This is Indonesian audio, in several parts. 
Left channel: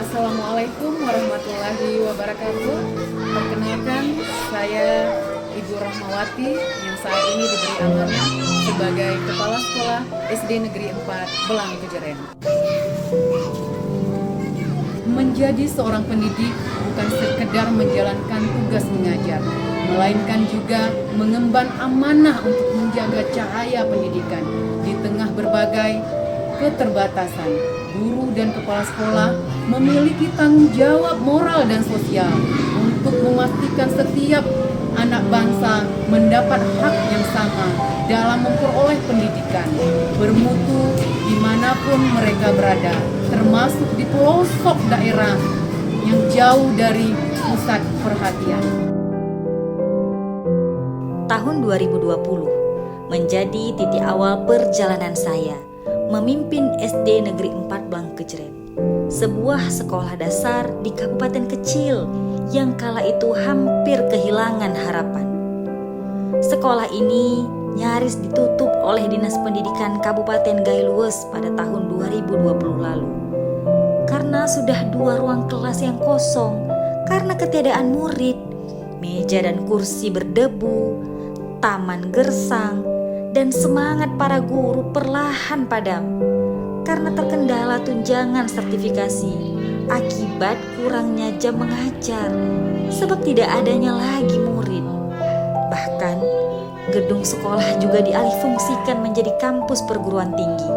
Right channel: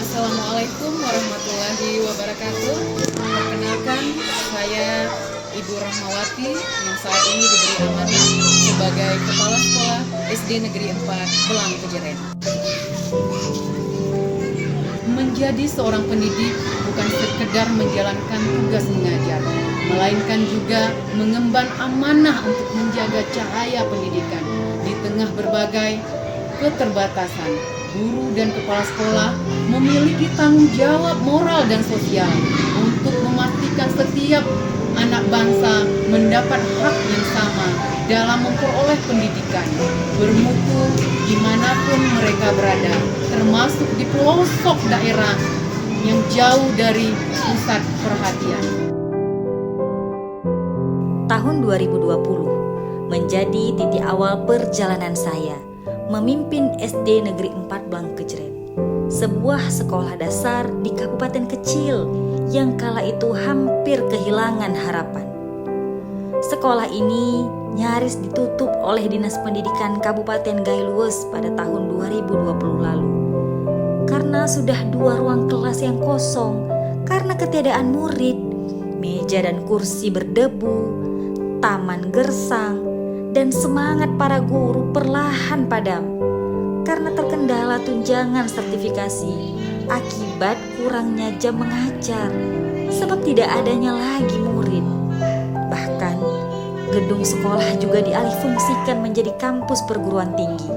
Assalamualaikum warahmatullahi wabarakatuh. Perkenalkan, saya Ibu Rahmawati yang saat ini diberi amanah sebagai Kepala Sekolah SD Negeri 4 Belang Kejeren. Menjadi seorang pendidik bukan sekedar menjalankan tugas mengajar, melainkan juga mengemban amanah untuk menjaga cahaya pendidikan di tengah berbagai keterbatasan. Guru dan kepala sekolah memiliki tanggung jawab moral dan sosial untuk memastikan setiap anak bangsa mendapat hak yang sama dalam memperoleh pendidikan bermutu dimanapun mereka berada, termasuk di pelosok daerah yang jauh dari pusat perhatian. Tahun 2020 menjadi titik awal perjalanan saya memimpin SD Negeri 4 Belang Kejeren, sebuah sekolah dasar di kabupaten kecil yang kala itu hampir kehilangan harapan. Sekolah ini nyaris ditutup oleh Dinas Pendidikan Kabupaten Gailues pada tahun 2020 lalu. Karena sudah 2 ruang kelas yang kosong karena ketiadaan murid, meja dan kursi berdebu, taman gersang, dan semangat para guru perlahan padam karena terkendala tunjangan sertifikasi akibat kurangnya jam mengajar sebab tidak adanya lagi murid. Bahkan gedung sekolah juga dialihfungsikan menjadi kampus perguruan tinggi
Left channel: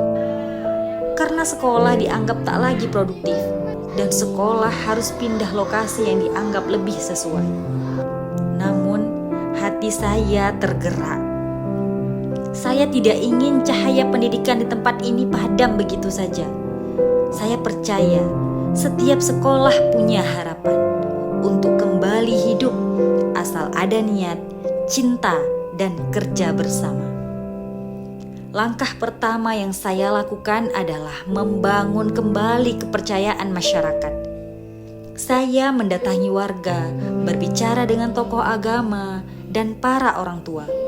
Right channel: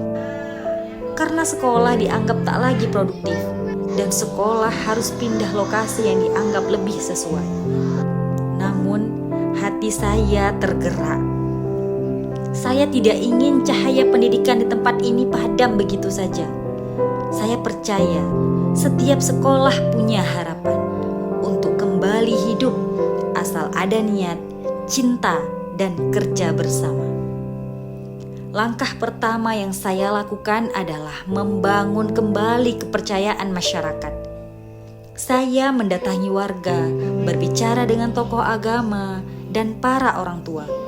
karena sekolah dianggap tak lagi produktif dan sekolah harus pindah lokasi yang dianggap lebih sesuai. Namun hati saya tergerak. Saya tidak ingin cahaya pendidikan di tempat ini padam begitu saja. Saya percaya setiap sekolah punya harapan untuk kembali hidup asal ada niat, cinta, dan kerja bersama. Langkah pertama yang saya lakukan adalah membangun kembali kepercayaan masyarakat. Saya mendatangi warga, berbicara dengan tokoh agama, dan para orang tua.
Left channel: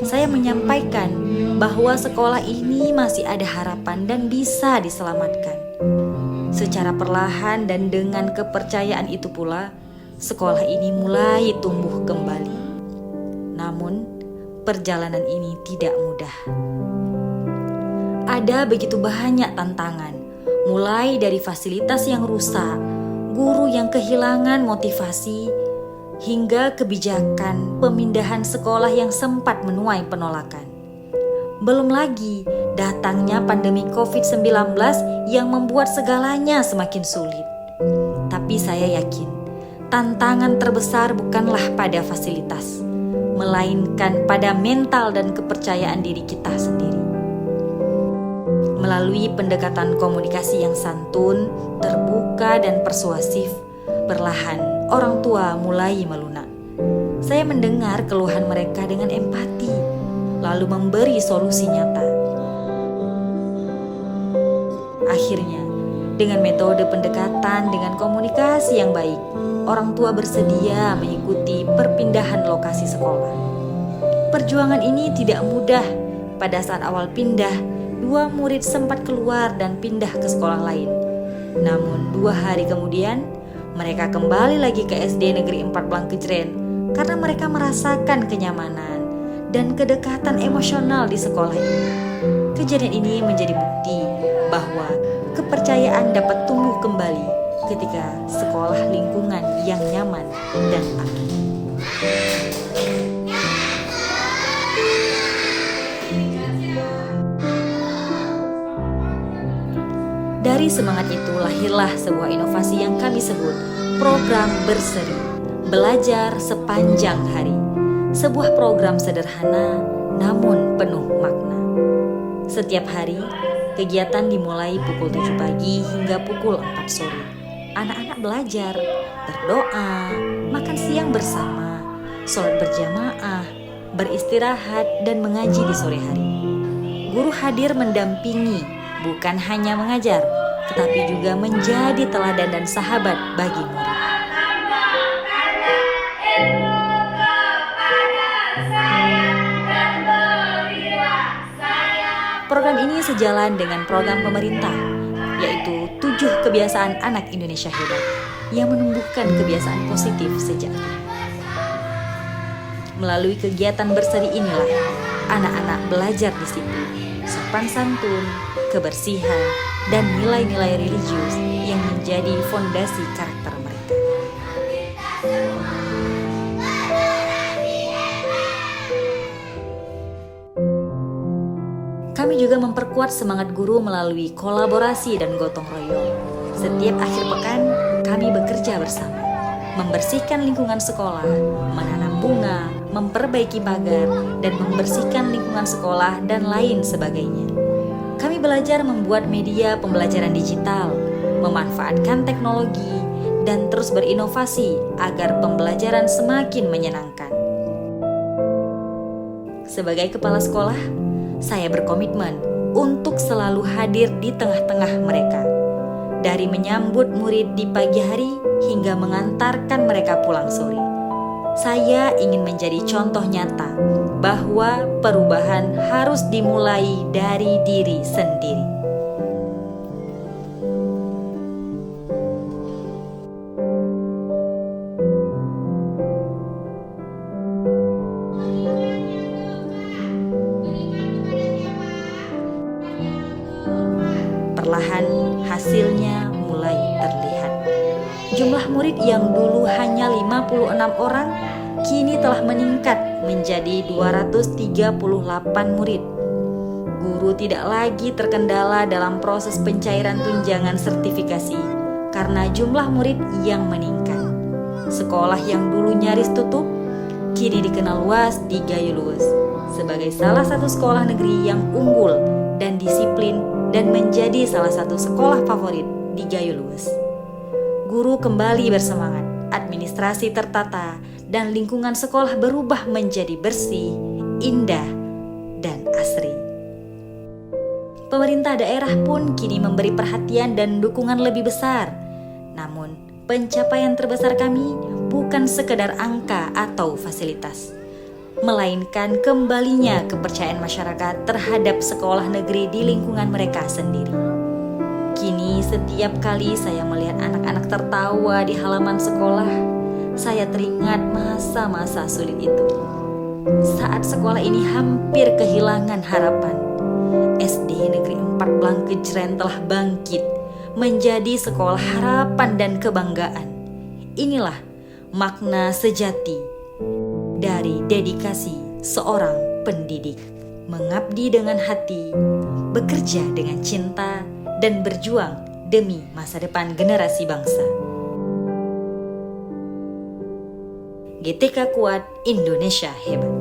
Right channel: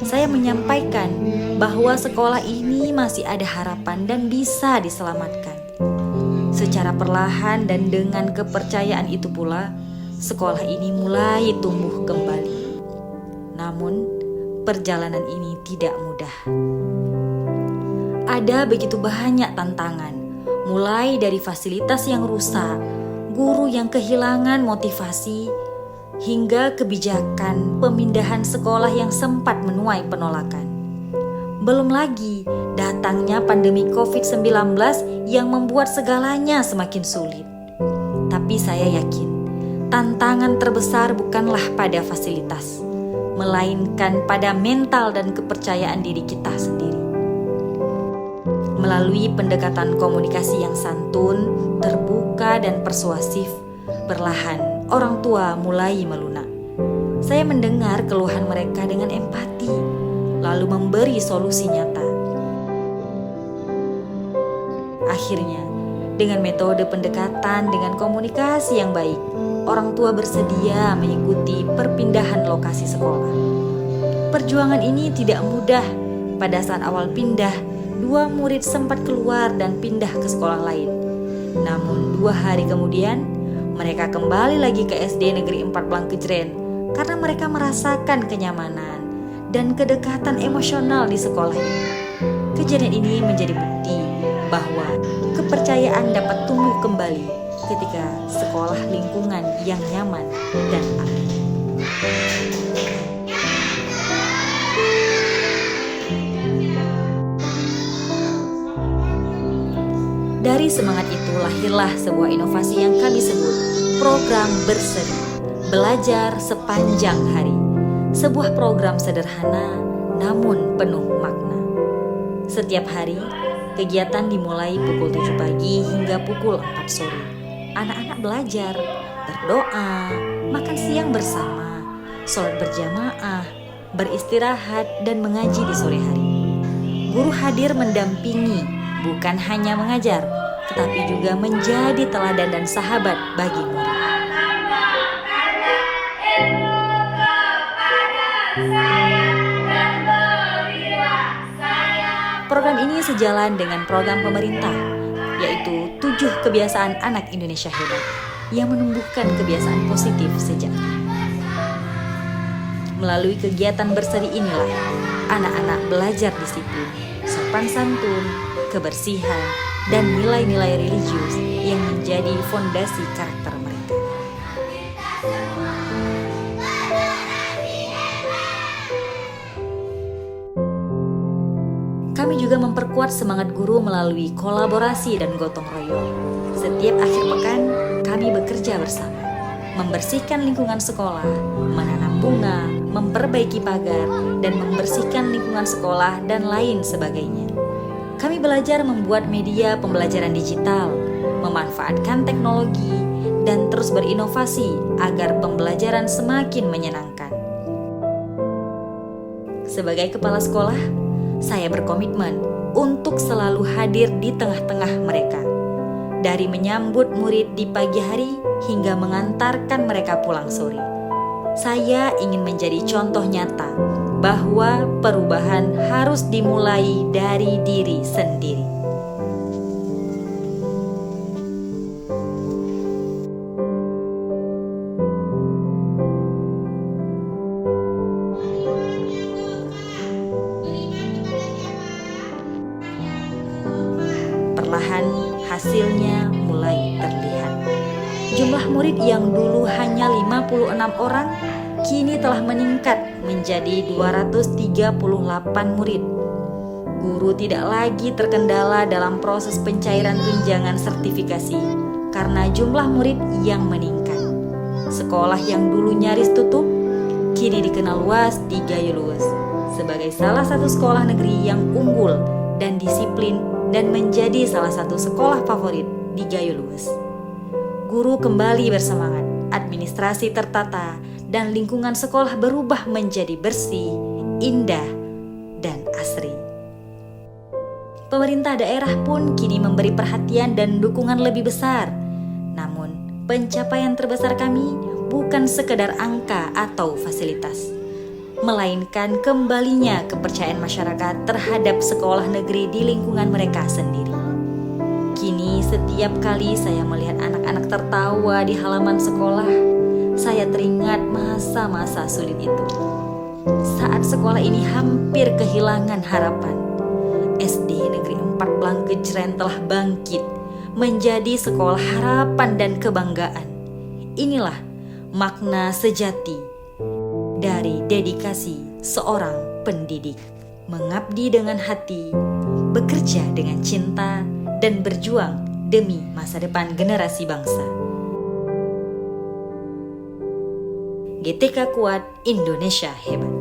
Saya menyampaikan bahwa sekolah ini masih ada harapan dan bisa diselamatkan. Secara perlahan dan dengan kepercayaan itu pula, sekolah ini mulai tumbuh kembali. Namun, perjalanan ini tidak mudah. Ada begitu banyak tantangan, mulai dari fasilitas yang rusak, guru yang kehilangan motivasi, hingga kebijakan pemindahan sekolah yang sempat menuai penolakan. Belum lagi datangnya pandemi COVID-19 yang membuat segalanya semakin sulit. Tapi saya yakin, tantangan terbesar bukanlah pada fasilitas, melainkan pada mental dan kepercayaan diri kita sendiri. Melalui pendekatan komunikasi yang santun, terbuka, dan persuasif, perlahan orang tua mulai melunak. Saya mendengar keluhan mereka dengan empati, lalu memberi solusi nyata. Akhirnya, dengan metode pendekatan dengan komunikasi yang baik, orang tua bersedia mengikuti perpindahan lokasi sekolah. Perjuangan ini tidak mudah. Pada saat awal pindah, 2 murid sempat keluar dan pindah ke sekolah lain. Namun 2 hari kemudian, mereka kembali lagi ke SD Negeri 4 Belang Kejeren karena mereka merasakan kenyamanan dan kedekatan emosional di sekolah ini. Kejadian ini menjadi bukti bahwa kepercayaan dapat tumbuh kembali ketika sekolah lingkungan yang nyaman dan aman. Dari semangat itu lahirlah sebuah inovasi yang kami sebut program Berseri, belajar sepanjang hari. Sebuah program sederhana namun penuh makna. Setiap hari, kegiatan dimulai pukul 7 pagi hingga pukul 4 sore. Anak-anak belajar, berdoa, makan siang bersama, sholat berjamaah, beristirahat, dan mengaji di sore hari. Guru hadir mendampingi, bukan hanya mengajar, tetapi juga menjadi teladan dan sahabat bagi murid. Program ini sejalan dengan program pemerintah, yaitu 7 kebiasaan anak Indonesia hebat yang menumbuhkan kebiasaan positif sejak dini. Melalui kegiatan berseri inilah anak-anak belajar disiplin, sopan santun, kebersihan, dan nilai-nilai religius yang menjadi fondasi karakter mereka. Kami juga memperkuat semangat guru melalui kolaborasi dan gotong royong. Setiap akhir pekan, kami bekerja bersama, membersihkan lingkungan sekolah, menanam bunga, memperbaiki pagar, dan membersihkan lingkungan sekolah dan lain sebagainya. Kami belajar membuat media pembelajaran digital, memanfaatkan teknologi, dan terus berinovasi agar pembelajaran semakin menyenangkan. Sebagai kepala sekolah, saya berkomitmen untuk selalu hadir di tengah-tengah mereka. Dari menyambut murid di pagi hari hingga mengantarkan mereka pulang sore. Saya ingin menjadi contoh nyata bahwa perubahan harus dimulai dari diri sendiri. Perlahan hasilnya mulai terlihat. Jumlah murid yang dulu hanya 56 orang kini telah meningkat menjadi 238 murid. Guru tidak lagi terkendala dalam proses pencairan tunjangan sertifikasi karena jumlah murid yang meningkat. Sekolah yang dulu nyaris tutup kini dikenal luas di Gayo Luwes sebagai salah satu sekolah negeri yang unggul dan disiplin dan menjadi salah satu sekolah favorit di Gayo Luwes. Guru kembali bersemangat, administrasi tertata, dan lingkungan sekolah berubah menjadi bersih, indah, dan asri. Pemerintah daerah pun kini memberi perhatian dan dukungan lebih besar. Namun, pencapaian terbesar kami bukan sekedar angka atau fasilitas, melainkan kembalinya kepercayaan masyarakat terhadap sekolah negeri di lingkungan mereka sendiri. Kini setiap kali saya melihat anak-anak tertawa di halaman sekolah, saya teringat masa-masa sulit itu. Saat sekolah ini hampir kehilangan harapan, SD Negeri 4 Blangkejren telah bangkit menjadi sekolah harapan dan kebanggaan. Inilah makna sejati dari dedikasi seorang pendidik, mengabdi dengan hati, bekerja dengan cinta, dan berjuang demi masa depan generasi bangsa. GTK Kuat, Indonesia Hebat.